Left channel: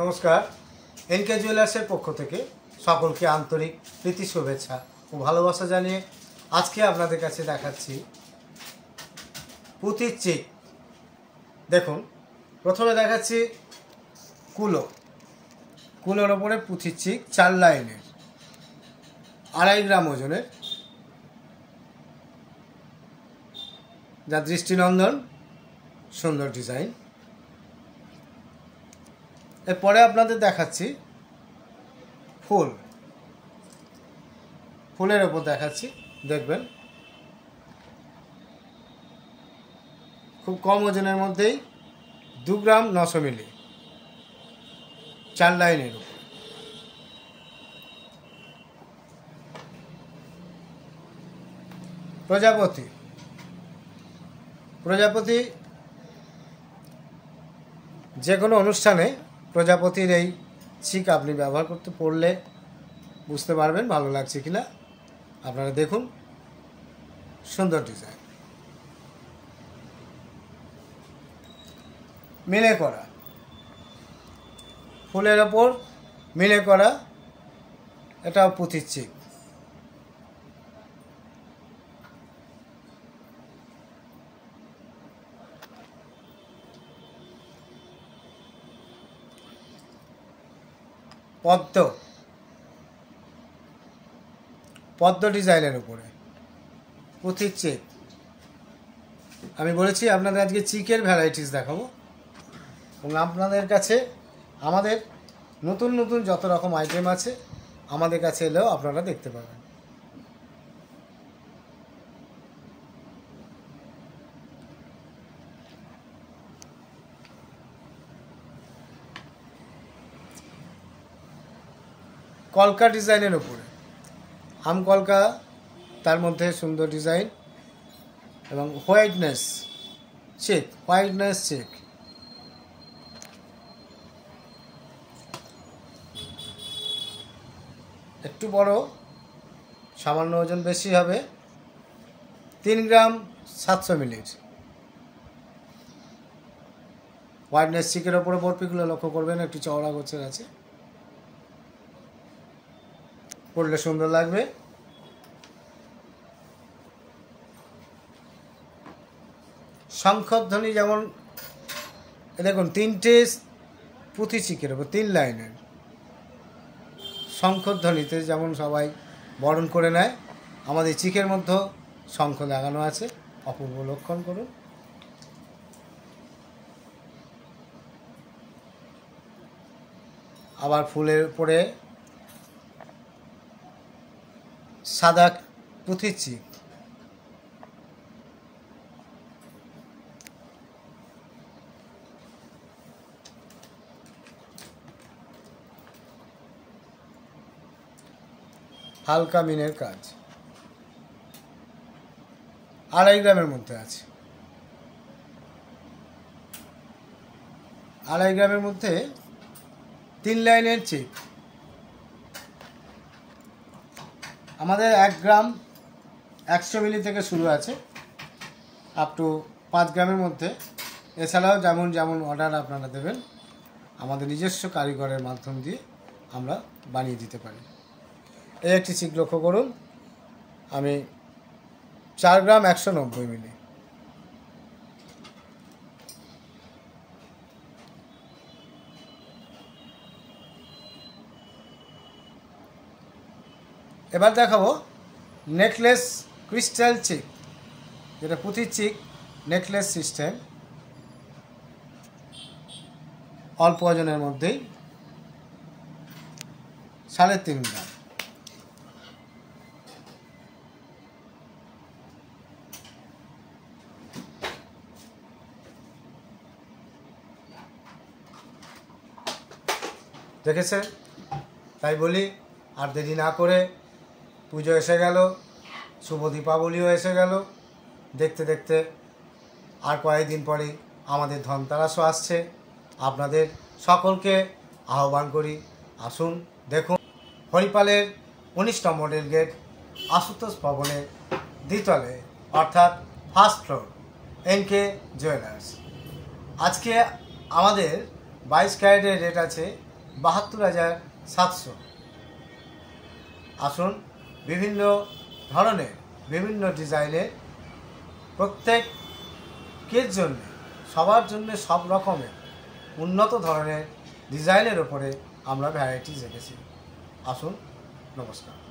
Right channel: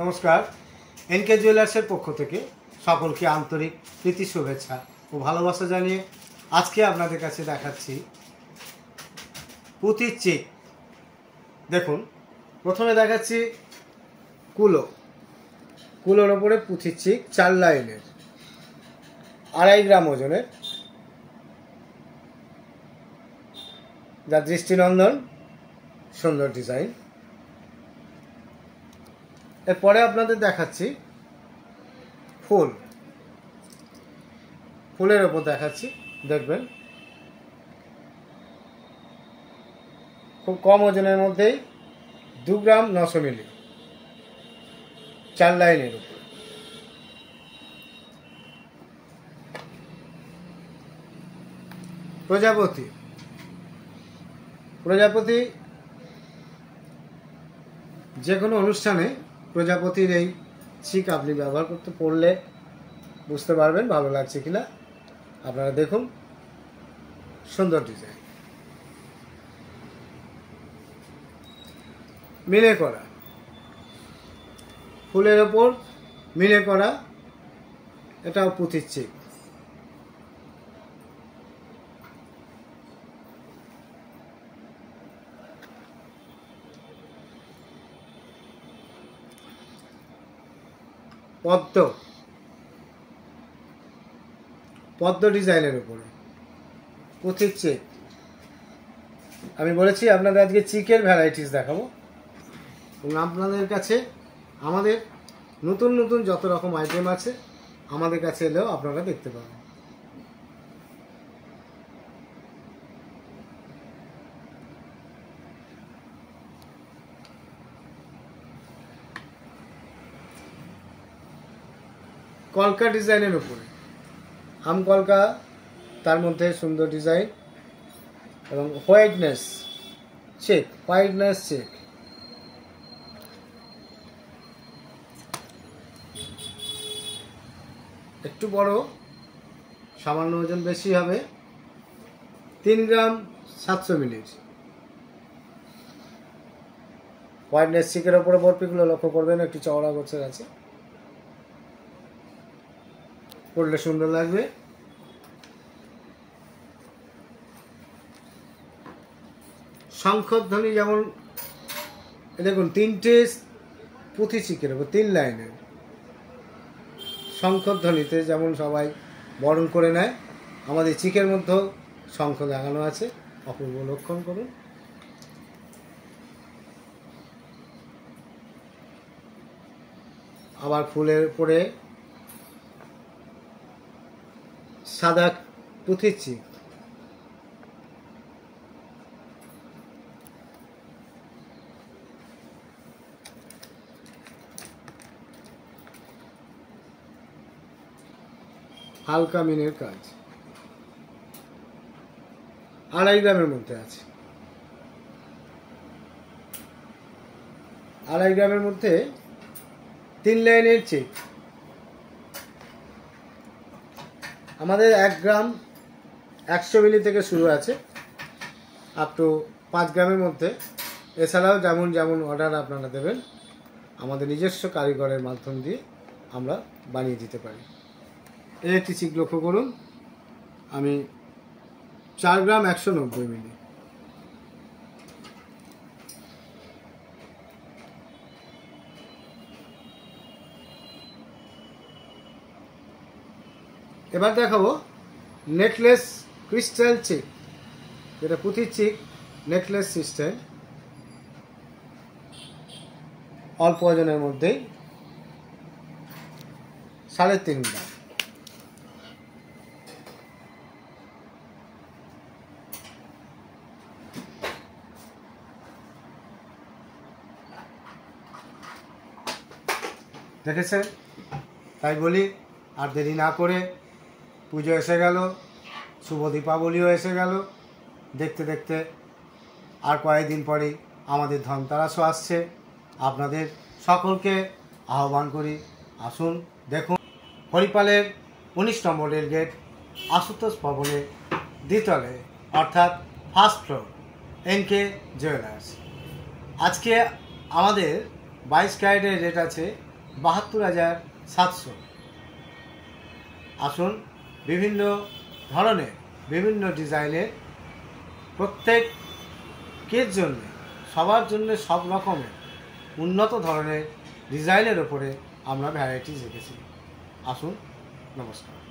নমস্কার। এনকে জুয়েলার্সের পক্ষ থেকে সকলকে আন্তরিক প্রীতি শুভেচ্ছা ও ভালোবাসা জানিয়ে আজকে আপনাদের কাছে দেখাচ্ছি পুঁতির চিক। দেখুন, প্রথমে দেখাচ্ছি কুলোর ওপরে পুঁতির চিক 4 লাইনের, 2.5 গ্রাম ওজনের, যা দৃষ্টিনন্দন সুন্দর ডিজাইন। এরপরে আপনাদের দেখাচ্ছি ফুলের ওপর দেখাচ্ছি, দেখবেন খুব কম ওজনের মধ্যেই 2 গ্রাম 900 মিলি, 4 লাইনের উপর। প্রজাপতি যে কোনো অনুষ্ঠানে প্রজাপতির এই চিক আপনি ব্যবহার করতে পড়লে বুঝতে পারবেন ভালো লাগছে কিনা। আপনারা দেখুন, সুন্দর ডিজাইন। মিলে করা ফুলের ওপর মিলে করা, এটাও পুঁতির চিক। পদ্ম ডিজাইনের উপরে পুঁতির চিক। আমি বলেছি আপনাদের আজকে চিকের ভ্যারাইটিস দেখাবো, এবং আপনাদের কাছে আমাদের নতুন নতুন যত রকম আইটেম আছে আমাদের কাছে এলেও আপনারা দেখতে পাবেন। কলকা ডিজাইনের উপরে আম কলকা, তার মধ্যে সুন্দর ডিজাইন এবং হোয়াইটনেস চেক। একটু বড়, সামান্য ওজন বেশি হবে, 3 গ্রাম 700 মিলি। হোয়াইটনেস চেকের ওপরে বরফিগুলো লক্ষ্য করবেন, একটু চওড়া গোছের আছে, পড়লে সুন্দর লাগবে। শঙ্খধ্বনি, যেমন দেখুন 3টে পুঁতি চিকের উপর 3 লাইনের। শঙ্খধ্বনিতে যেমন সবাই বরণ করে নেয়, আমাদের চিকের মধ্যেও শঙ্খ লাগানো আছে, অপূর্ব লক্ষণ করুন। আবার ফুলের উপরে সাদা পুঁতির চিক। হালকা মিনের কাজ, 2.5 গ্রামের মধ্যে আছে। 2.5 গ্রামের মধ্যে 3 লাইনের চিক। আমাদের 1 গ্রাম 100 মিলি থেকে শুরু আছে, আপ টু 5 গ্রামের মধ্যে। এছাড়াও যেমন যেমন অর্ডার আপনারা দেবেন, আমাদের নিজস্ব কারিগরের মাধ্যম দিয়ে আমরা বানিয়ে দিতে পারি। এই একটি চিক লক্ষ্য করুন, আমি 4 গ্রাম 190 মিলি। এবার দেখাবো নেকলেস ক্রিস্টাল চিক, যেটা পুঁতির চিক নেকলেস সিস্টেম, অল্প ওজনের মধ্যেই, 3.5 গ্রাম। দেখেছেন? তাই বলি, আর দেরি না করে, পুজো এসে গেল, শুভ দীপাবলিও এসে গেল, দেখতে দেখতে আর কয়েকদিন পরেই আমাদের ধনতেরাসও আসছে। আপনাদের সকলকে আহ্বান করি, আসুন দেখুন হরিপালের 19 নম্বর রেল গেট, আশুতোষ ভবনের দ্বিতলে, অর্থাৎ ফার্স্ট ফ্লোর, এনকে জুয়েলার্স। আজকে আমাদের 22 ক্যারেটের রেট আছে 72,700। আসুন, বিভিন্ন ধরনের বিভিন্ন ডিজাইনের প্রত্যেকের জন্য, সবার জন্য সব রকমের উন্নত ধরনের ডিজাইনের উপরে আমরা ভ্যারাইটিস রেখেছি। আসুন, নমস্কার।